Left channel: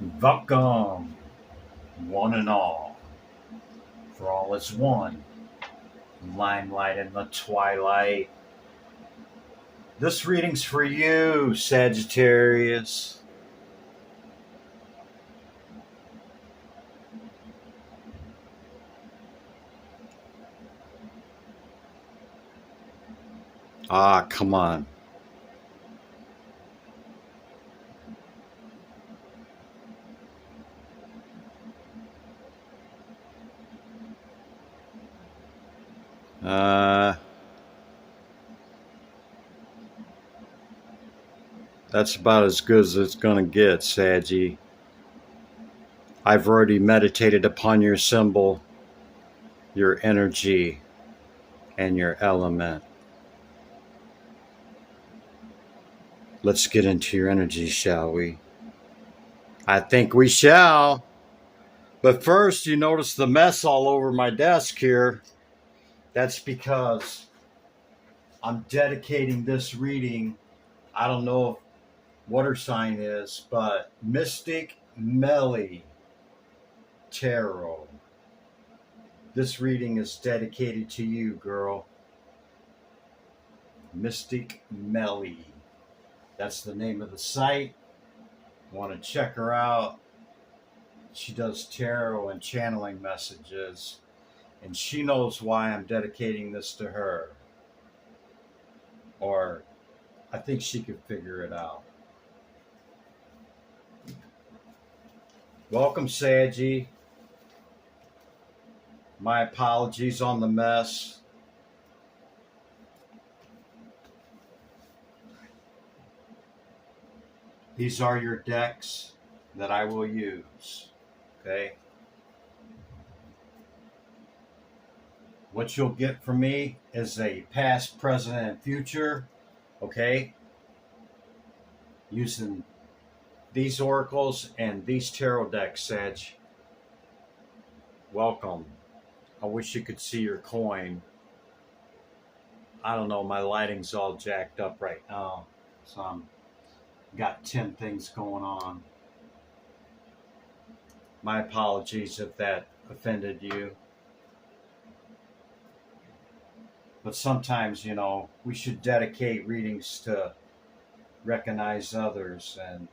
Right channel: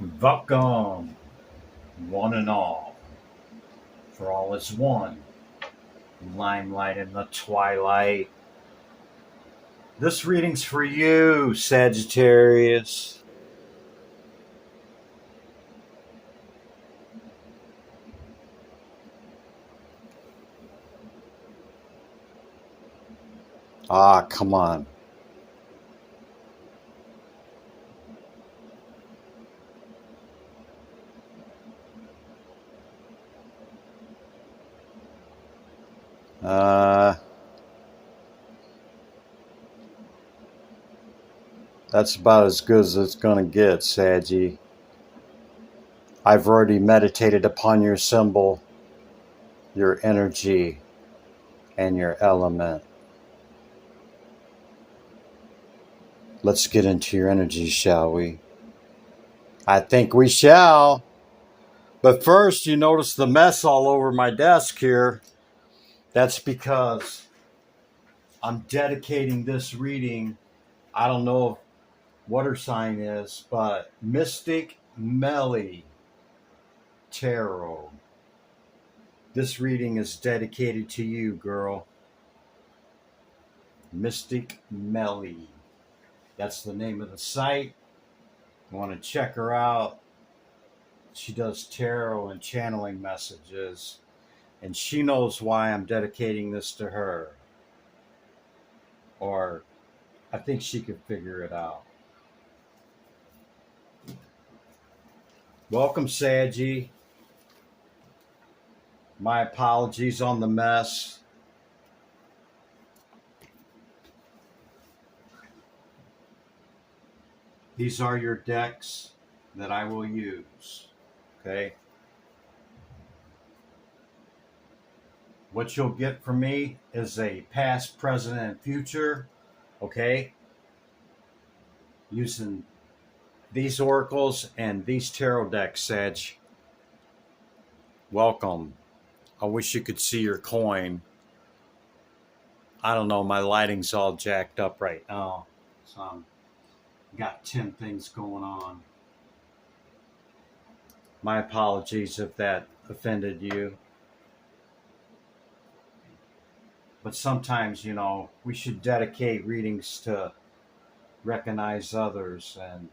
Welcome, one and all, for all is one. Limelight in the twilight. This reading's for you, Sagittarius. Ah, come on. Uh, that's about as good as it's gonna get, Saggy. I've already meditated upon your symbol, your energy, and your element. Let's get into your energy, shall we? I think we shall. But first, you notice the mess all over my desk here. That's because I'm dedicating this reading. I don't know what her sign is, but Mystic Melly Tarot. This reading is dedicated to you, girl. Mystic Melly. That's the name of the site. I want to check her out. She does tarot and channeling messages, and she knows why I'm dedicating this to her. Or I think she could figure it out. Welcome, Saggy. My apologies on the mess. These are your decks that I will use. Okay? What you'll get from me is a past, present, and future. Okay? Using these oracles and these tarot decks, Sag. Welcome. I wish you could see your coin. I don't know, my lighting's all jacked up right now. So I'm got 10 things going on. My apologies if that offended you. But sometimes, we should dedicate readings to recognize others. And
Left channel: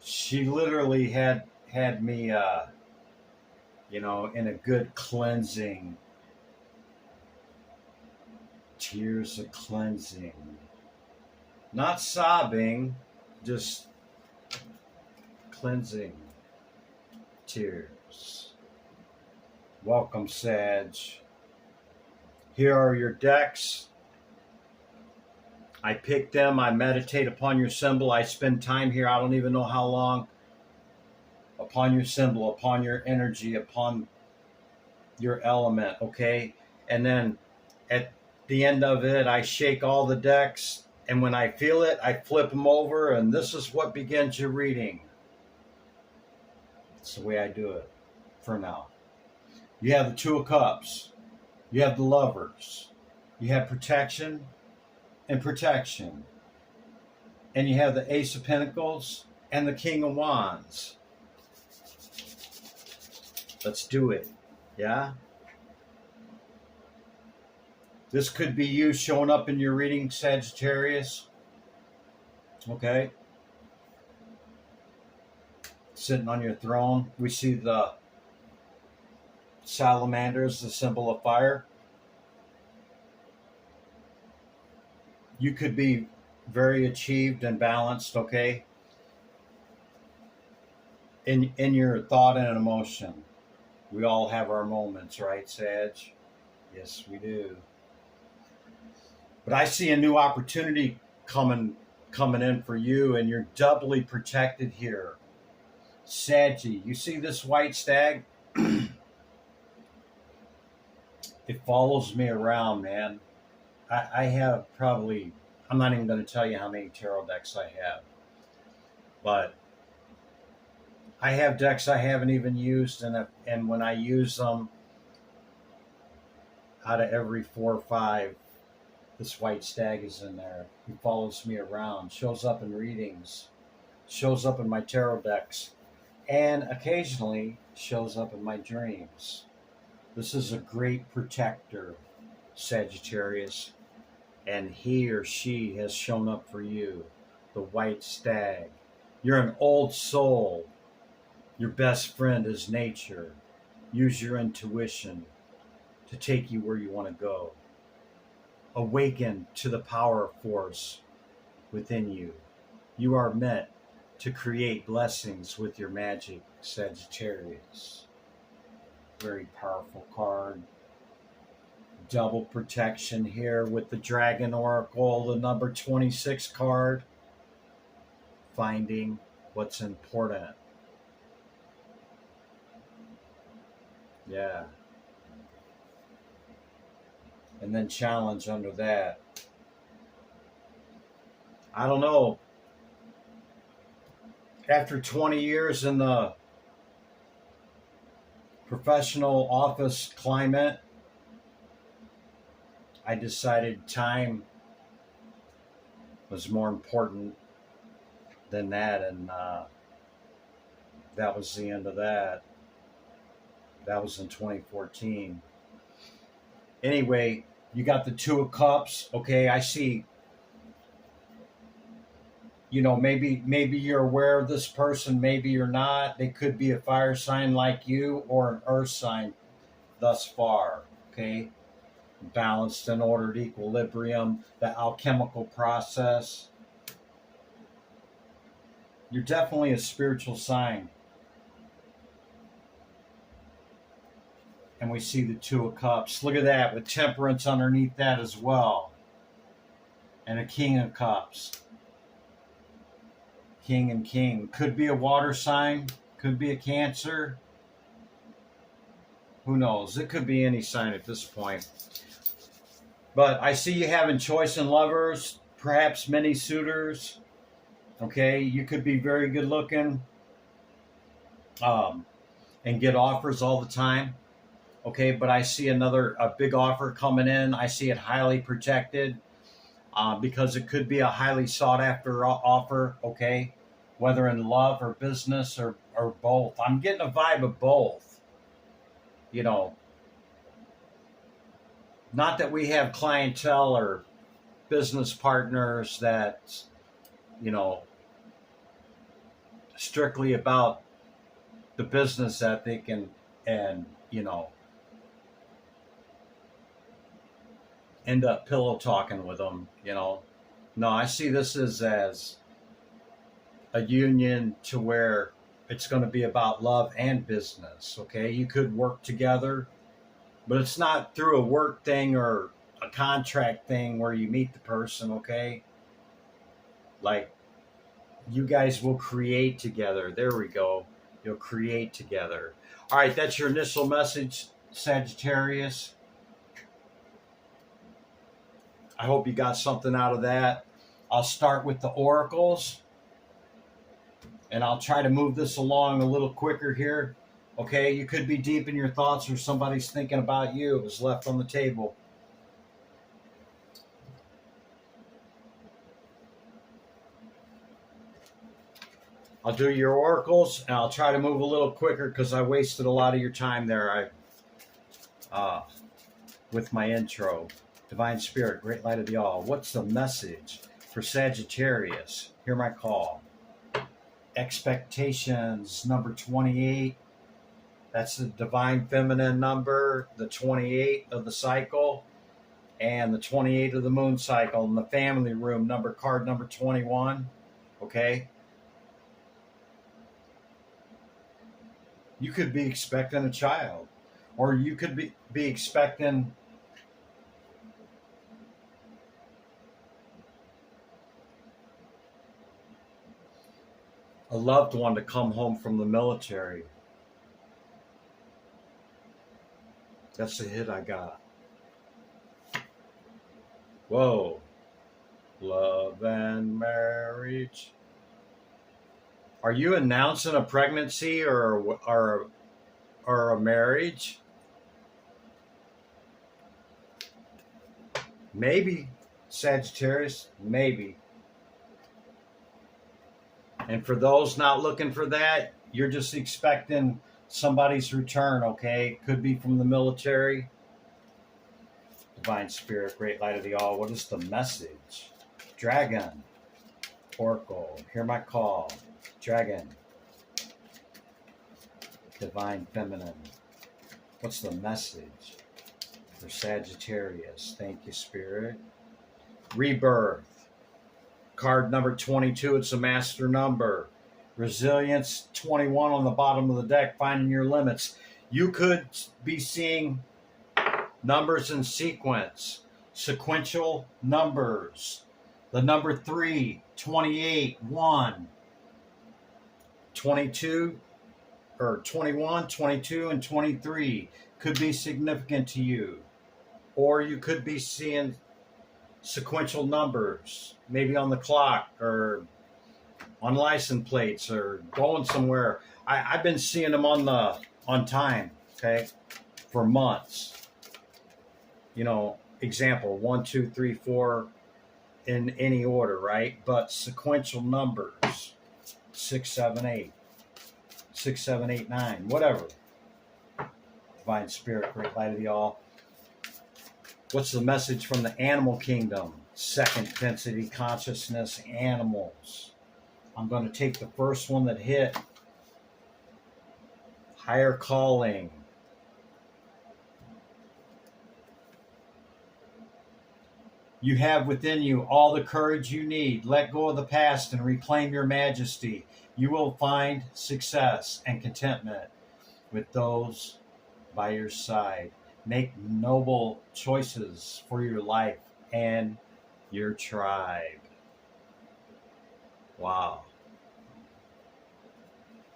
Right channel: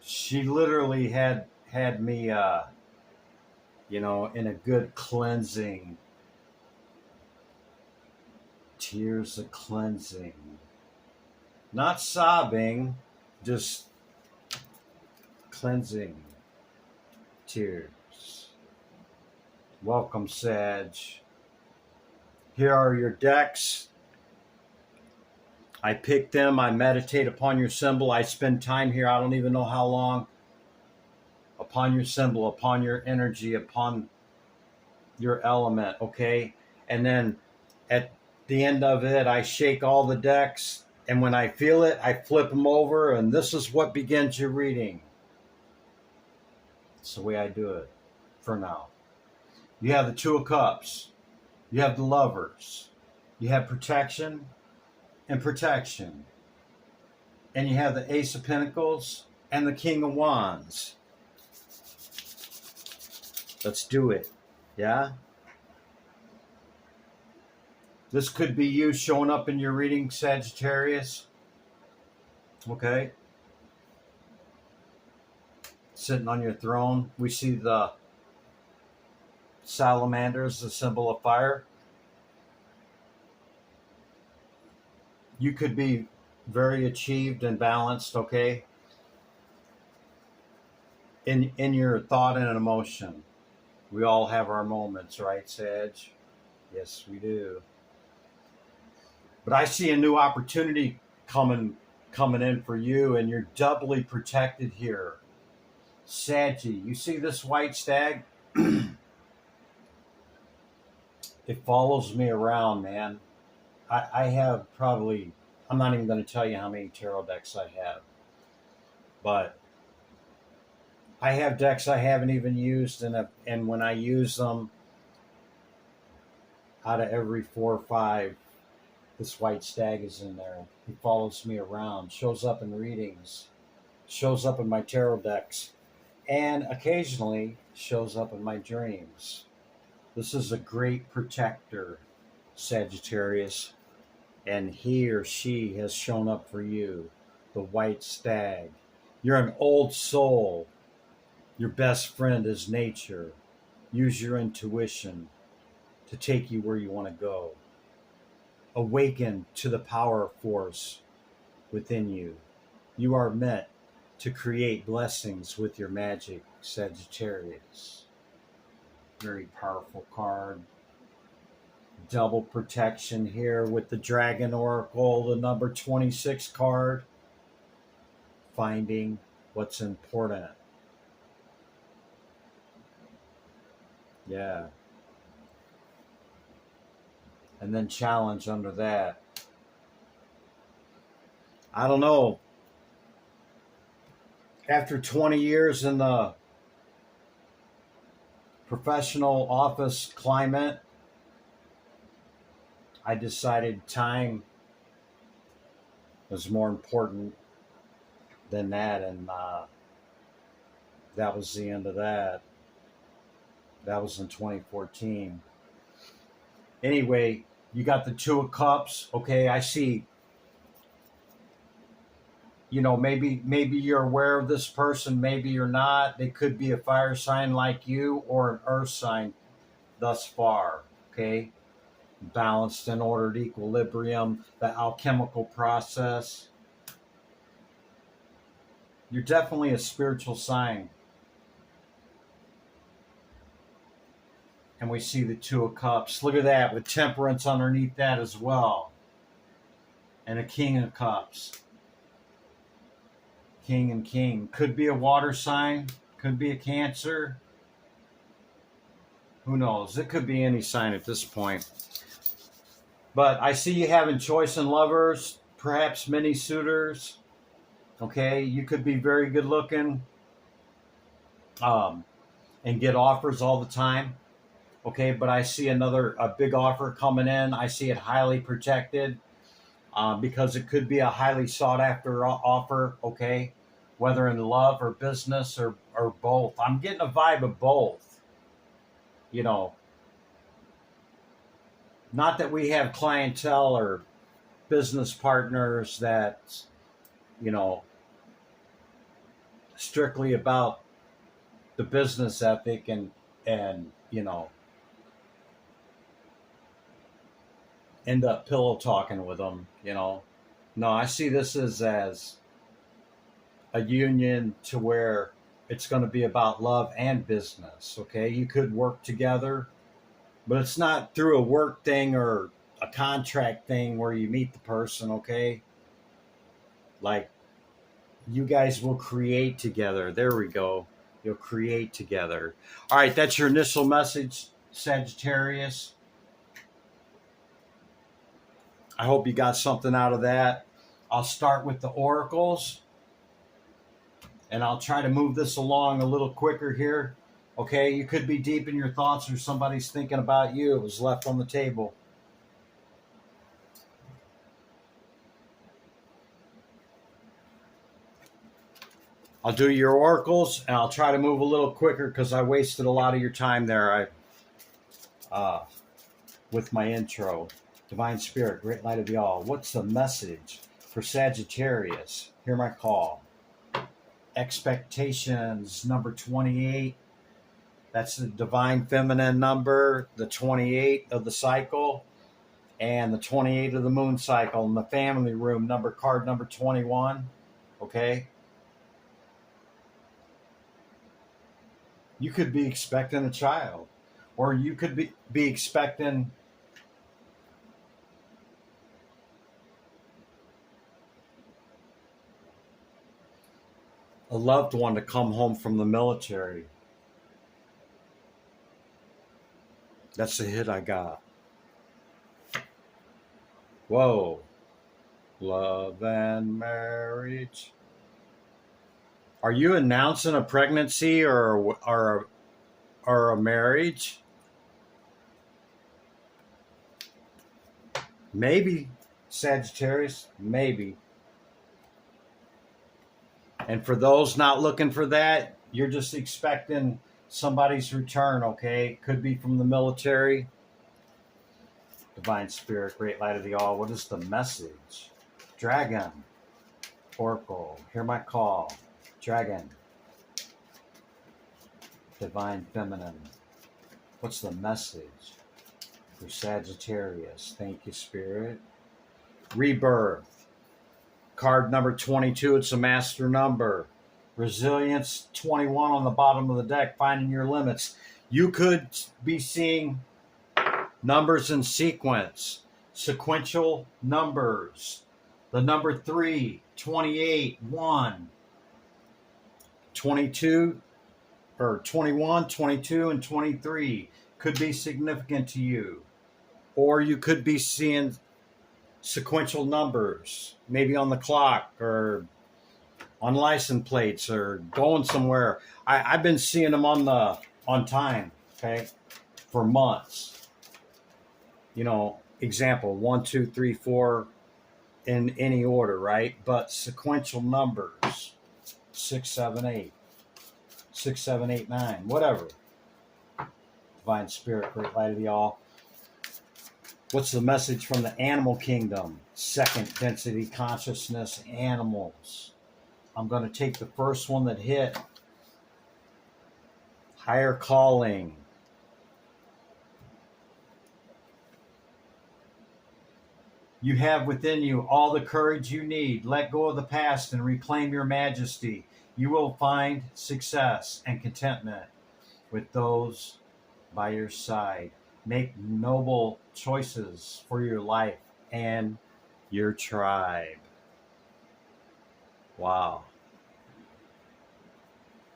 she literally had me, in a good cleansing, tears of cleansing. Not sobbing, just cleansing tears. Welcome, Sag. Here are your decks. I pick them. I meditate upon your symbol. I spend time here. I don't even know how long. Upon your symbol, upon your energy, upon your element, okay? And then at the end of it, I shake all the decks. And when I feel it, I flip them over. And this is what begins your reading. It's the way I do it for now. You have the Two of Cups. You have the Lovers. You have protection and protection. And you have the Ace of Pentacles and the King of Wands. Let's do it. Yeah? This could be you showing up in your reading, Sagittarius. Okay? Sitting on your throne. We see the salamanders, the symbol of fire. You could be very achieved and balanced, okay? In your thought and emotion. We all have our moments, right, Sag? Yes, we do. But I see a new opportunity coming in for you, and you're doubly protected here. Saggy, you see this white stag? It follows me around, man. I have probably, I'm not even going to tell you how many tarot decks I have. But I have decks I haven't even used, and when I use them, out of every 4 or 5, this white stag is in there. He follows me around, shows up in readings. shows up in my tarot decks, and occasionally shows up in my dreams. This is a great protector, Sagittarius, and he or she has shown up for you, the white stag. You're an old soul. Your best friend is nature. Use your intuition to take you where you want to go. Awaken to the power force within you. You are meant to create blessings with your magic, Sagittarius. Very powerful card. Double protection here with the Dragon Oracle, the number 26 card. Finding what's important. Yeah. And then challenge under that. I don't know. After 20 years in the professional office climate, I decided time was more important than that, and that was the end of that. That was in 2014. Anyway, you got the Two of Cups. Okay, I see. You know, maybe you're aware of this person, maybe you're not. They could be a fire sign like you or an earth sign thus far. Okay, balanced and ordered equilibrium, the alchemical process. You're definitely a spiritual sign. And we see the Two of Cups. Look at that, with temperance underneath that as well. And a King of Cups. King and King. Could be a water sign. Could be a Cancer. Who knows? It could be any sign at this point. But I see you having choice in lovers. Perhaps many suitors. Okay, you could be very good looking. And get offers all the time. Okay, but I see a big offer coming in. I see it highly protected because it could be a highly sought after offer, okay, whether in love or business or both. I'm getting a vibe of both, you know. Not that we have clientele or business partners that, you know, strictly about the business ethic and you know, end up pillow talking with them, you know. No, I see this as a union to where it's going to be about love and business, okay? You could work together, but it's not through a work thing or a contract thing where you meet the person, okay? Like, you guys will create together. There we go. You'll create together. All right, that's your initial message, Sagittarius. I hope you got something out of that. I'll start with the oracles, and I'll try to move this along a little quicker here. Okay, you could be deep in your thoughts or somebody's thinking about you. It was left on the table. I'll do your oracles, and I'll try to move a little quicker because I wasted a lot of your time there. With my intro. Divine Spirit, Great Light of the All. What's the message for Sagittarius? Hear my call. Expectations, number 28. That's the divine feminine number, the 28 of the cycle, and the 28 of the moon cycle. In the family room, card number 21. Okay? You could be expecting a child, or you could be expecting a loved one to come home from the military. That's the hit I got. Whoa. Love and marriage. Are you announcing a pregnancy or a marriage? Maybe, Sagittarius, maybe. And for those not looking for that, you're just expecting somebody's return, okay? Could be from the military. Divine Spirit, Great Light of the All. What is the message? Dragon. Oracle. Hear my call. Dragon. Divine Feminine. What's the message for Sagittarius? Thank you, Spirit. Rebirth. Card number 22. It's a master number. Resilience 21 on the bottom of the deck. Finding your limits. You could be seeing numbers in sequence. Sequential numbers. The number 3, 28, 1, 22, or 21, 22, and 23 could be significant to you. Or you could be seeing sequential numbers, maybe on the clock or on license plates or going somewhere. I've been seeing them on time, okay, for months. You know, example, 1, 2, 3, 4 in any order, right? But sequential numbers, 6, 7, 8. 6, 7, 8, 9, whatever. Divine Spirit, Great Light of the All. What's the message from the animal kingdom? Second density consciousness animals. I'm going to take the first one that hit. Higher calling. You have within you all the courage you need. Let go of the past and reclaim your majesty. You will find success and contentment with those by your side. Make noble choices for your life and your tribe. Wow.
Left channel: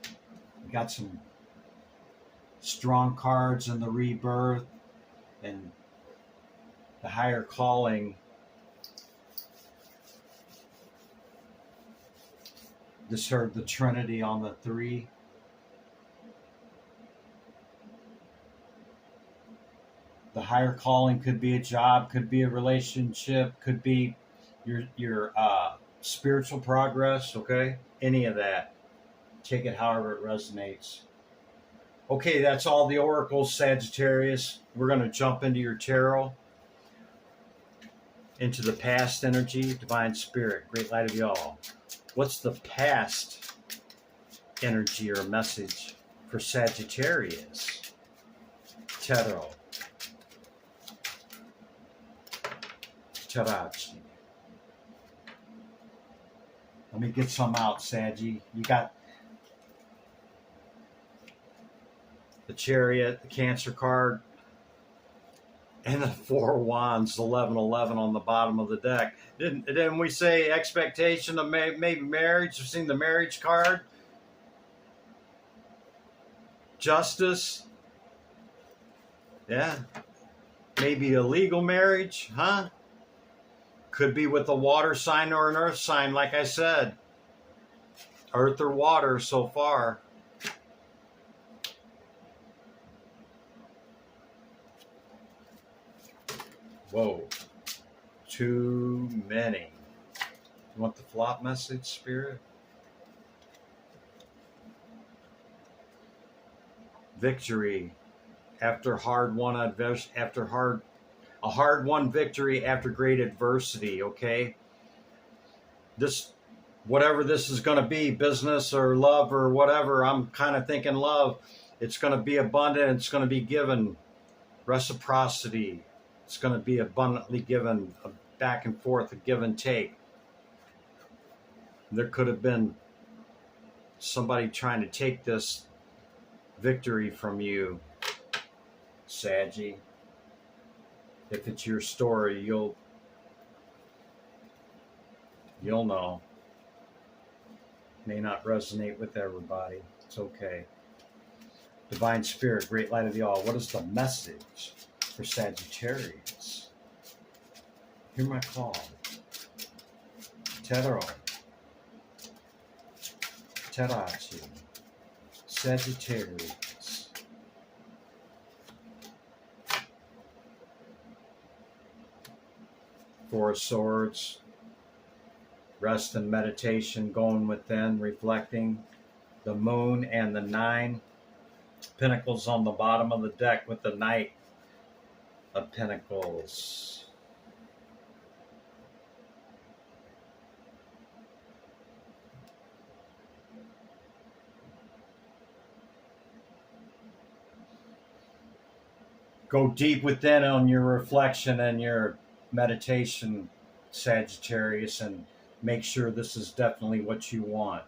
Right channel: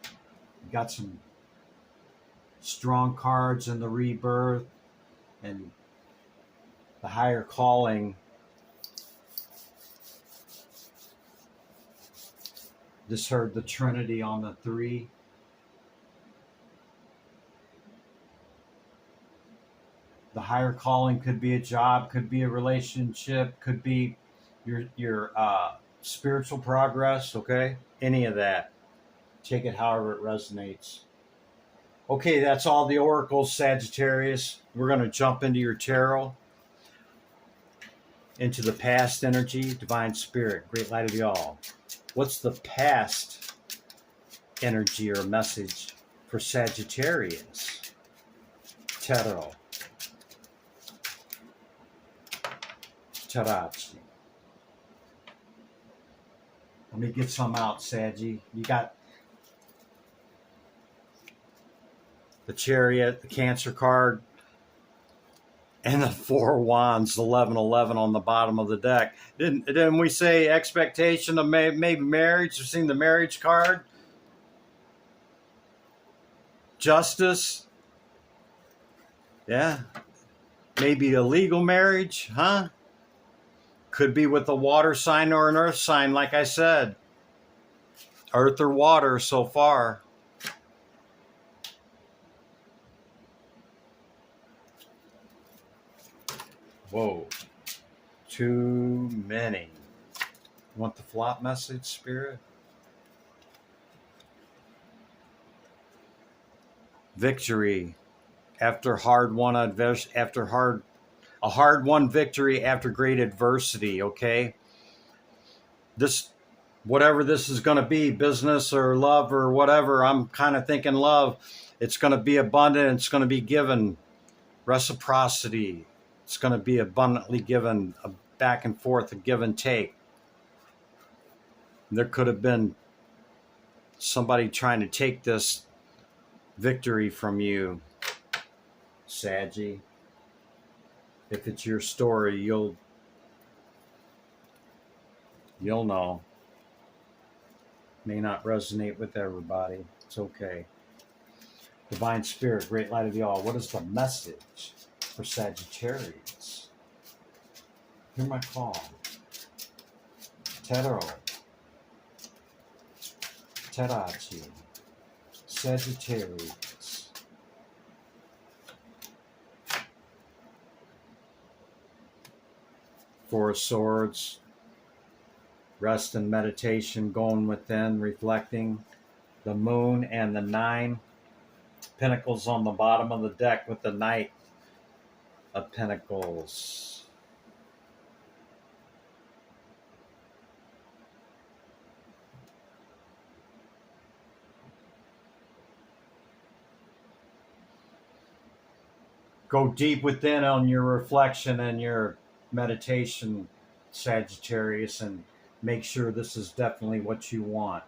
You got some strong cards in the rebirth and the higher calling. Just heard the Trinity on the 3. The higher calling could be a job, could be a relationship, could be your spiritual progress, okay? Any of that. Take it however it resonates. Okay, that's all the oracles, Sagittarius. We're going to jump into your tarot, into the past energy, Divine Spirit, Great Light of the All. What's the past energy or message for Sagittarius? Tarot. Tarachi. Let me get some out, Saggy. You got the Chariot, the Cancer card, and the 4 Wands, 1111 on the bottom of the deck. Didn't we say expectation of maybe marriage? You've seen the marriage card? Justice? Yeah. Maybe a legal marriage, huh? Could be with a water sign or an earth sign, like I said. Earth or water so far. Whoa. Too many. You want the flop message, Spirit? Victory after hard won a hard won victory after great adversity, okay? This, whatever this is going to be, business or love or whatever, I'm kind of thinking love. It's going to be abundant. It's going to be given. Reciprocity. It's going to be abundantly given, a back and forth, a give and take. There could have been somebody trying to take this victory from you, Saggy. If it's your story, you'll know. May not resonate with everybody. It's okay. Divine Spirit, Great Light of the All. What is the message for Sagittarius? Hear my call. Tarot. Tarachi. Sagittarius. Four of Swords. Rest and meditation, going within, reflecting the moon and the 9 pentacles on the bottom of the deck with the Knight of Pentacles. Go deep within on your reflection and your meditation, Sagittarius, and make sure this is definitely what you want.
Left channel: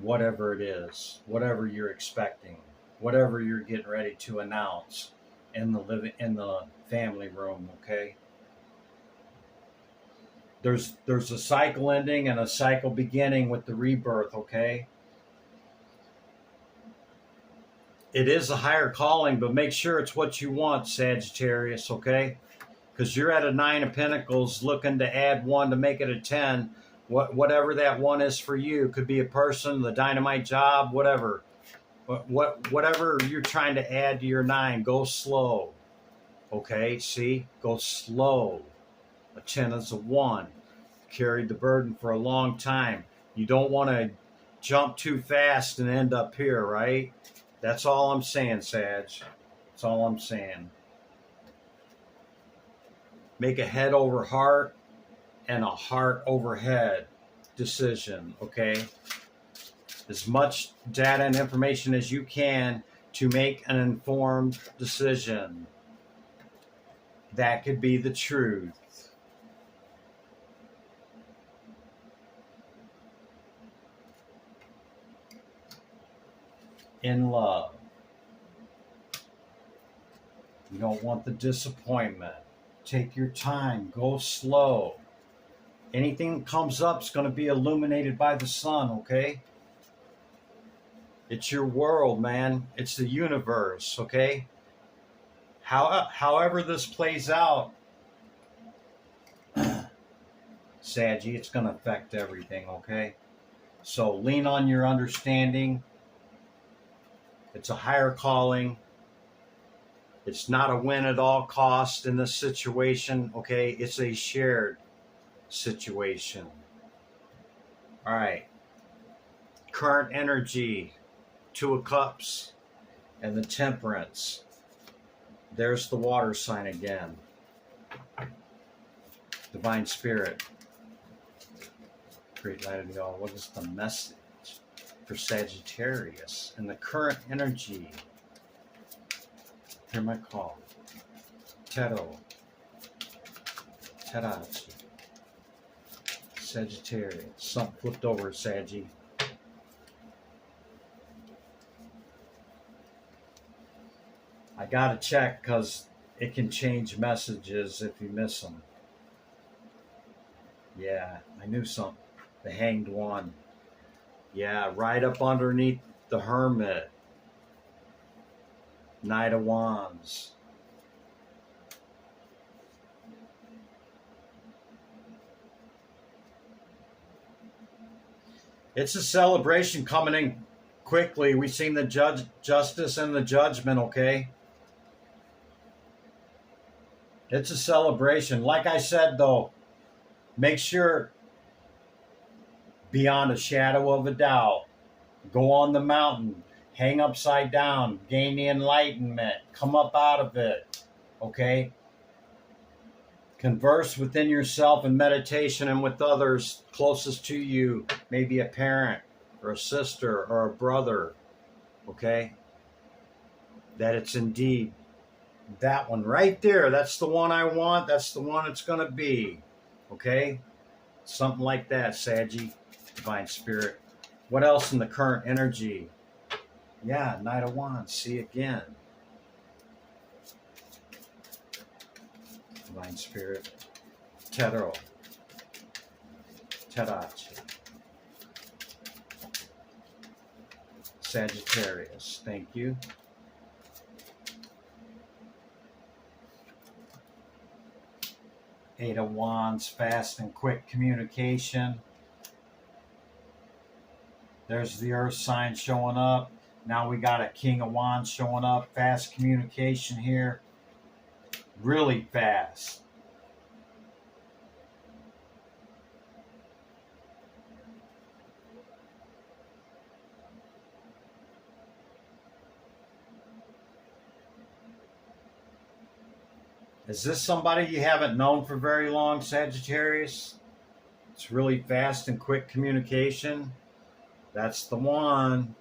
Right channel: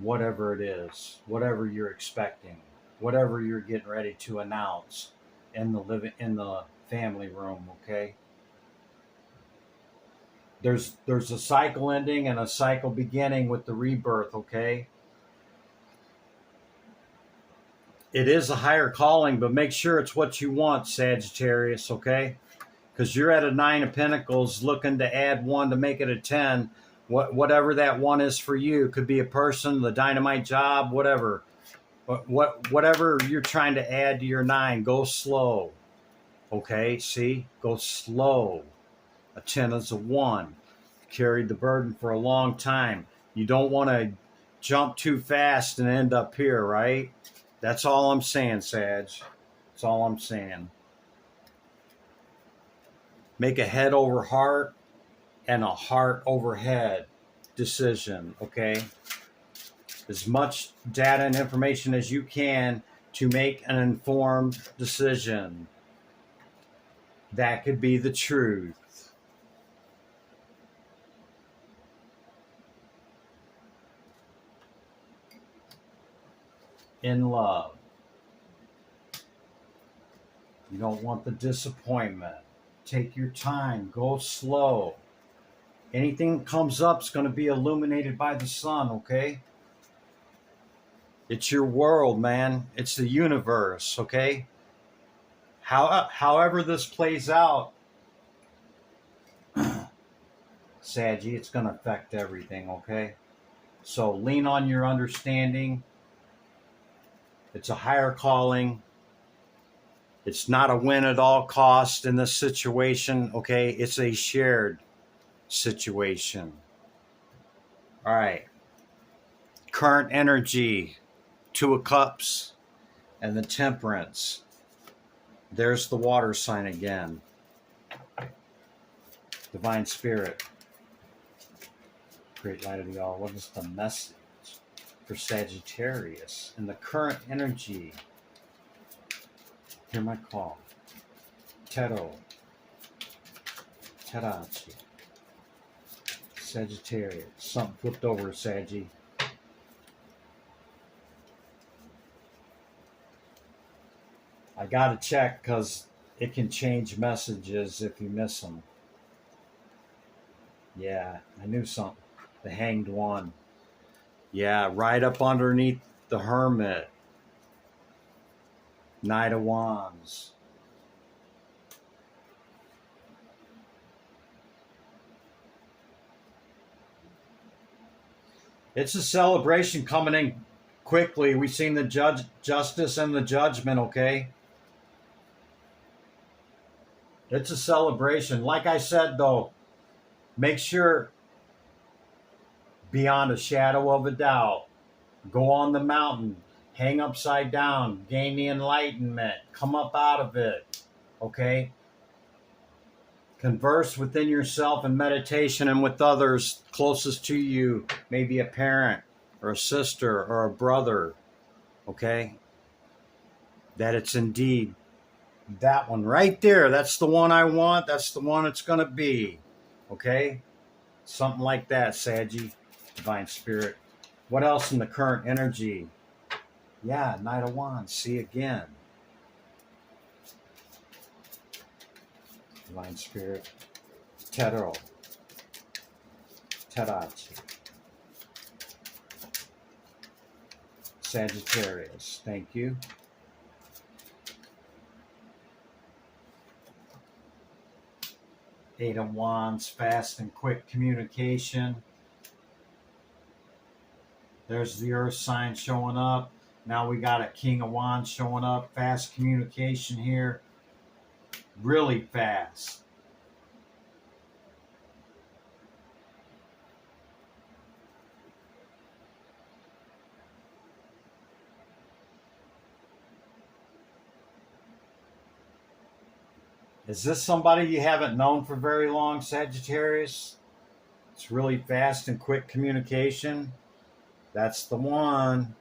Whatever it is, whatever you're expecting, whatever you're getting ready to announce in the family room, okay? There's a cycle ending and a cycle beginning with the rebirth, okay? It is a higher calling, but make sure it's what you want, Sagittarius, okay? Because you're at a 9 of Pentacles looking to add 1 to make it a 10. Whatever that 1 is for you. It could be a person, the dynamite job, whatever. Whatever you're trying to add to your 9, go slow. Okay, see? Go slow. A 10 is a 1. Carried the burden for a long time. You don't want to jump too fast and end up here, right? That's all I'm saying, Sag. That's all I'm saying. Make a head over heart and a heart over head decision, okay? As much data and information as you can to make an informed decision. That could be the truth. In love. You don't want the disappointment. Take your time. Go slow. Anything that comes up is going to be illuminated by the sun, okay? It's your world, man. It's the universe, okay? However this plays out, Saggy, it's going to affect everything, okay? So lean on your understanding. It's a higher calling. It's not a win at all cost in this situation, okay? It's a shared situation. All right. Current energy, 2 of Cups, and the Temperance. There's the water sign again. Divine Spirit. Great light of y'all. What is the message for Sagittarius in the current energy? Hear my call. Tarot. Tarachi. Sagittarius. Something flipped over, Saggy. I gotta check because it can change messages if you miss them. Yeah, I knew something. The Hanged One. Yeah, right up underneath the Hermit. Knight of Wands. It's a celebration coming in quickly. We've seen the justice and the judgment, okay? It's a celebration. Like I said, though, make sure, beyond a shadow of a doubt, go on the mountain, hang upside down, gain the enlightenment, come up out of it, okay? Converse within yourself in meditation and with others closest to you, maybe a parent or a sister or a brother, okay? That it's indeed that one right there. That's the one I want. That's the one it's going to be, okay? Something like that, Saggy, Divine Spirit. What else in the current energy? Yeah, Knight of Wands. See again. Divine Spirit. Tarot. Tarachi. Sagittarius. Thank you. Eight of Wands. Fast and quick communication. There's the Earth sign showing up. Now we got a King of Wands showing up. Fast communication here. Really fast. Is this somebody you haven't known for very long, Sagittarius? It's really fast and quick communication. That's the one.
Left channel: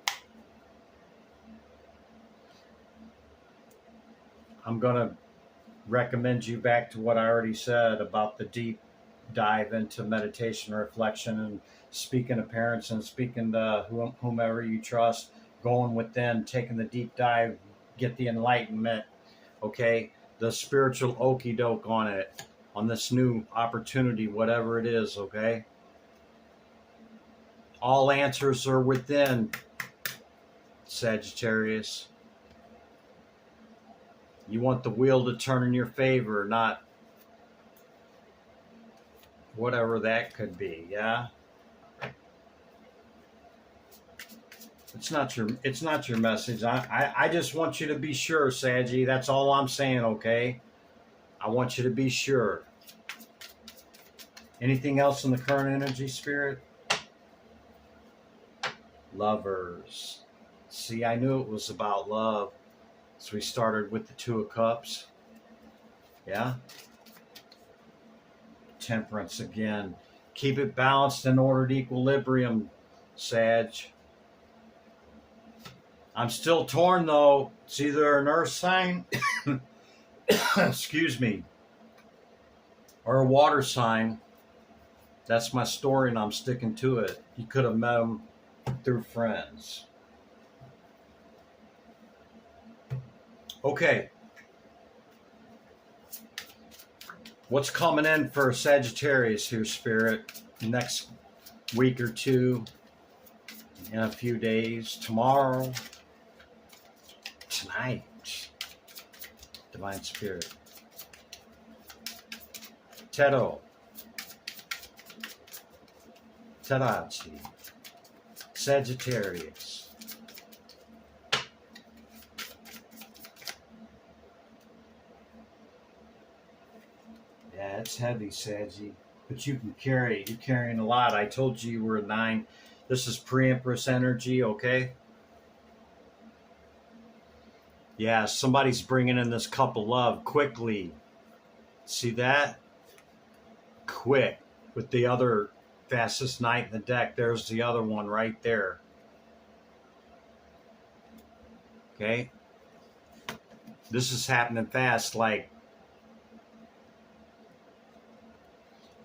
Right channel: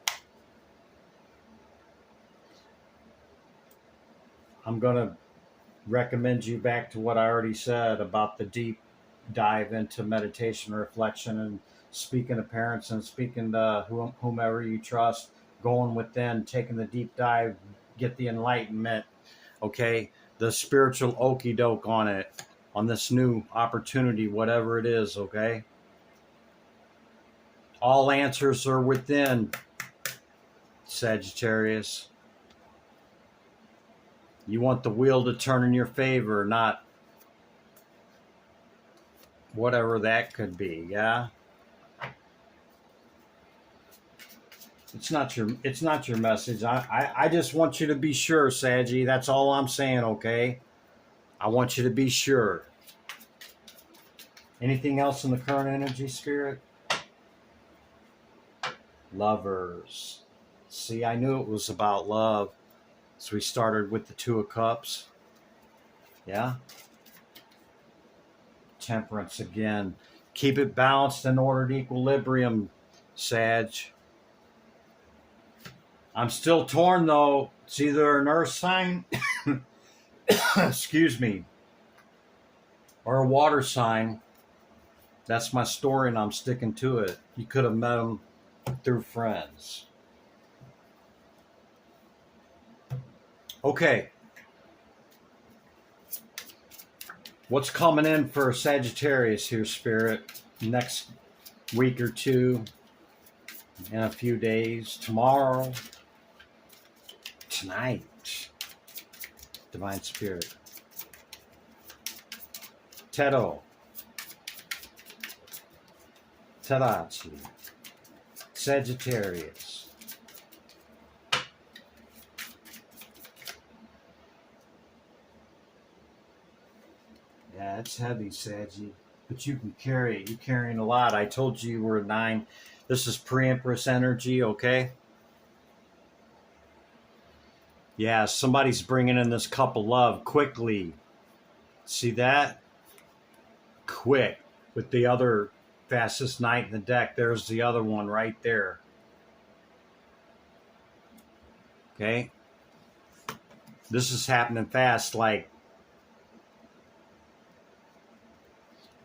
I'm going to recommend you back to what I already said about the deep dive into meditation, reflection, and speaking to parents and speaking to whomever you trust, going within, taking the deep dive, get the enlightenment, okay? The spiritual okey doke on it, on this new opportunity, whatever it is, okay? All answers are within, Sagittarius. You want the wheel to turn in your favor, not whatever that could be, yeah? It's not your message. I just want you to be sure, Saggy. That's all I'm saying, okay? I want you to be sure. Anything else in the current energy, Spirit? Lovers. See, I knew it was about love. So we started with the Two of Cups. Yeah? Temperance again. Keep it balanced and ordered equilibrium, Sag. I'm still torn though. It's either an earth sign, excuse me, or a water sign. That's my story and I'm sticking to it. You could have met them through friends. Okay. What's coming in for Sagittarius here, Spirit? Next week or two, in a few days, tomorrow, tonight, Divine Spirit. Tarot. Tarachi. Sagittarius. Yeah, it's heavy, Saggy. But you can carry it. You're carrying a lot. I told you were a 9. This is pre-Empress energy, okay? Yeah, somebody's bringing in this cup of love quickly. See that? Quick. With the other fastest knight in the deck, there's the other one right there. Okay? This is happening fast, like,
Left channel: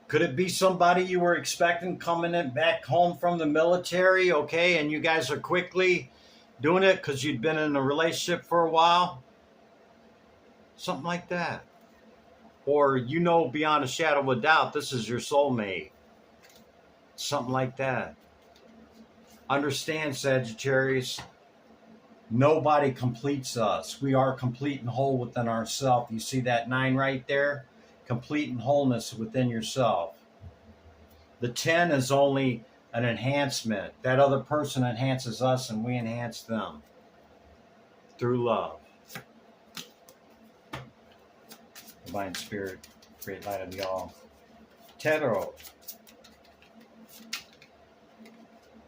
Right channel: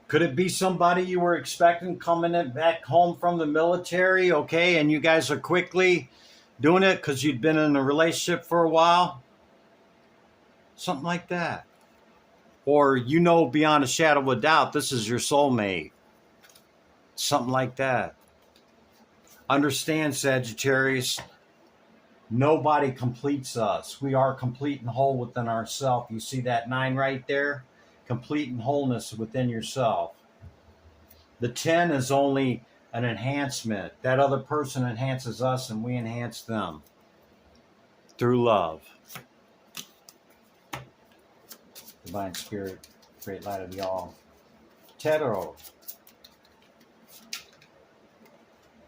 could it be somebody you were expecting coming in back home from the military, okay, and you guys are quickly doing it because you'd been in a relationship for a while? Something like that. Or you know beyond a shadow of a doubt this is your soulmate. Something like that. Understand, Sagittarius, nobody completes us. We are complete and whole within ourselves. You see that 9 right there? Complete and wholeness within yourself. The 10 is only an enhancement. That other person enhances us and we enhance them through love. Divine Spirit, great light of the all. Tarot.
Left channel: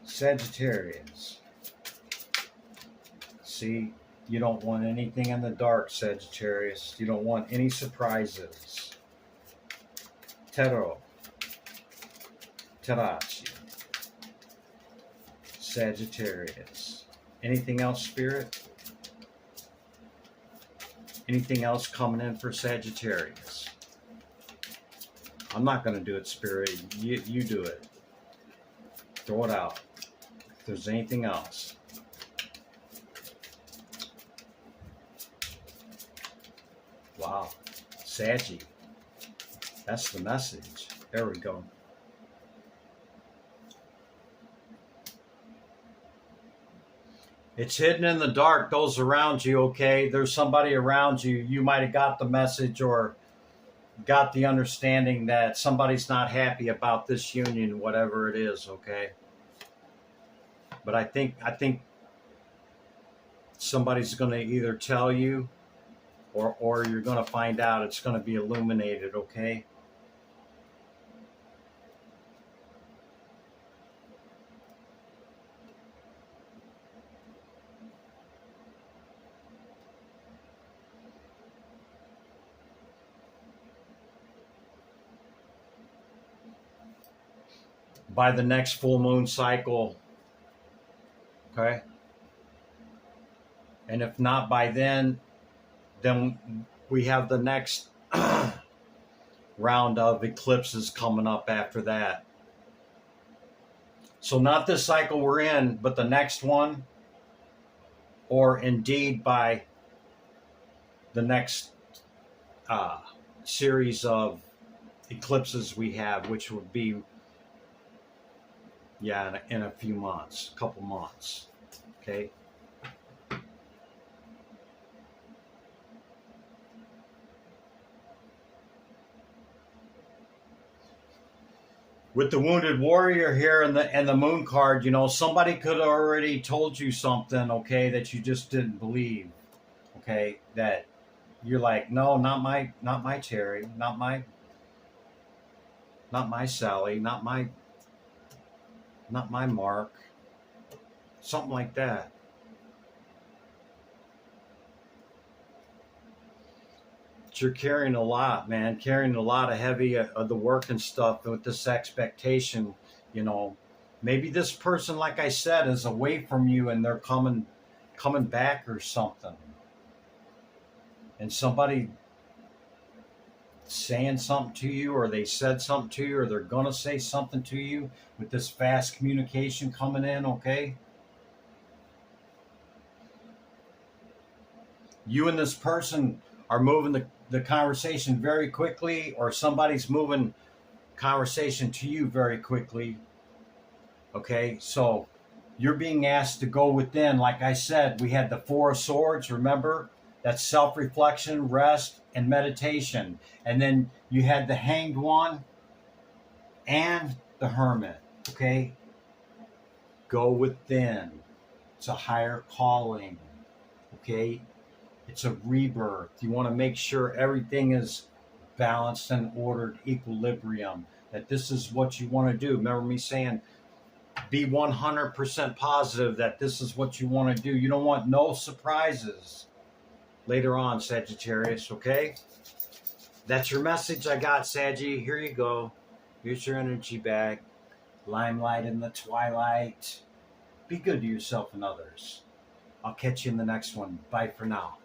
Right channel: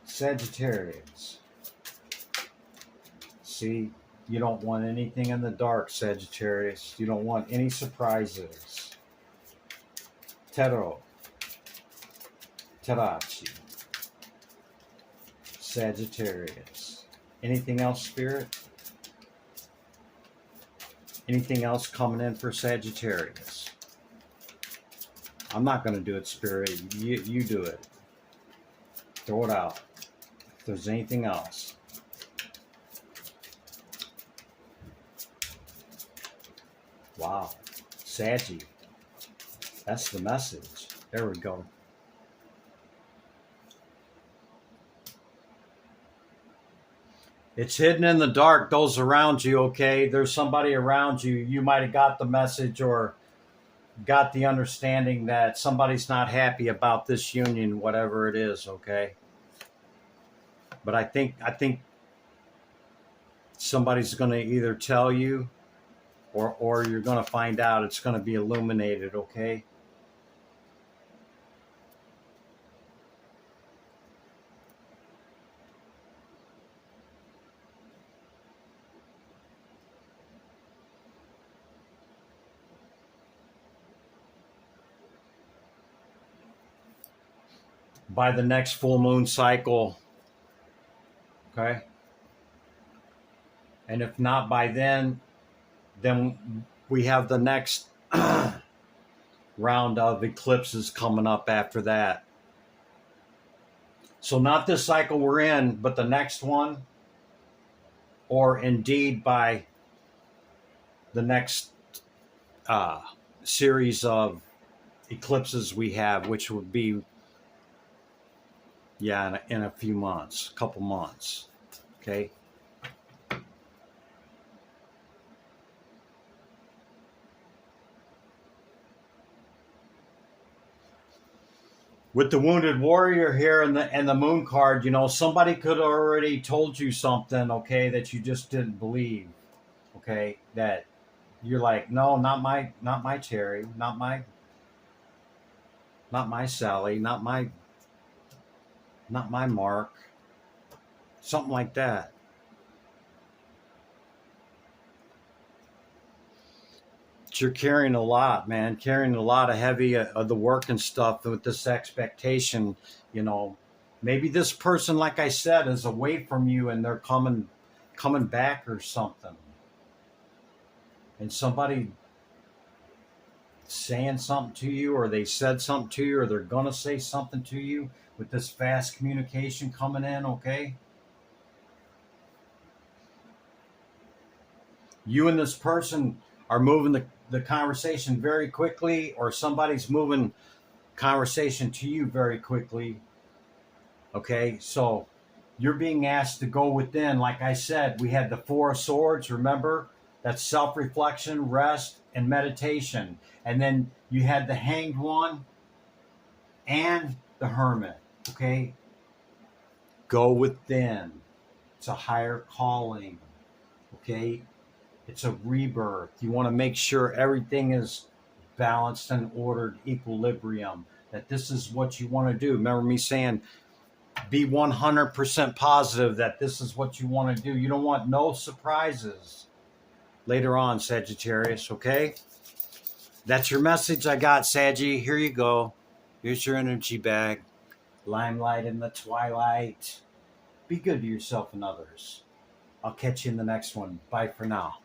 Sagittarius. See, you don't want anything in the dark, Sagittarius. You don't want any surprises. Tarot. Tarachi. Sagittarius. Anything else, Spirit? Anything else coming in for Sagittarius? I'm not going to do it, Spirit. You do it. Throw it out. If there's anything else. Wow. Saggy. That's the message. There we go. It's hidden in the dark, those around you, okay? There's somebody around you. You might have got the message or got the understanding that somebody's not happy about this union, whatever it is, okay? But I think somebody's going to either tell you or you're going to find out. It's going to be illuminated, okay? by the next full moon cycle. Okay? And if not by then we have the next round of eclipses coming up after that. So not this cycle we're in, but the next one, or indeed by the next series of eclipses we have, which would be, yeah, in a few months, a couple months. Okay. With the wounded warrior here and the moon card, you know, somebody could have already told you something, okay, that you just didn't believe. Okay, that you're like, no, not my Terry, not my Sally, not my Mark, something like that. But you're carrying a lot, man, carrying a lot of heavy of the work and stuff with this expectation, you know. Maybe this person, like I said, is away from you and they're coming back or something. And somebody saying something to you, or they said something to you, or they're going to say something to you with this fast communication coming in, okay? You and this person are moving the conversation very quickly, or somebody's moving conversation to you very quickly, okay? So you're being asked to go within. Like I said, we had the Four of Swords, remember? That's self-reflection, rest, and meditation. And then you had the Hanged One and the Hermit, okay? Go within. It's a higher calling, okay? It's a rebirth. You want to make sure everything is balanced and ordered, equilibrium, that this is what you want to do. Remember me saying, be 100% positive that this is what you want to do. You don't want no surprises later on, Sagittarius, okay? That's your message I got, Saggy. Here you go. Here's your energy bag. Limelight in the twilight. Be good to yourself and others. I'll catch you in the next one. Bye for now.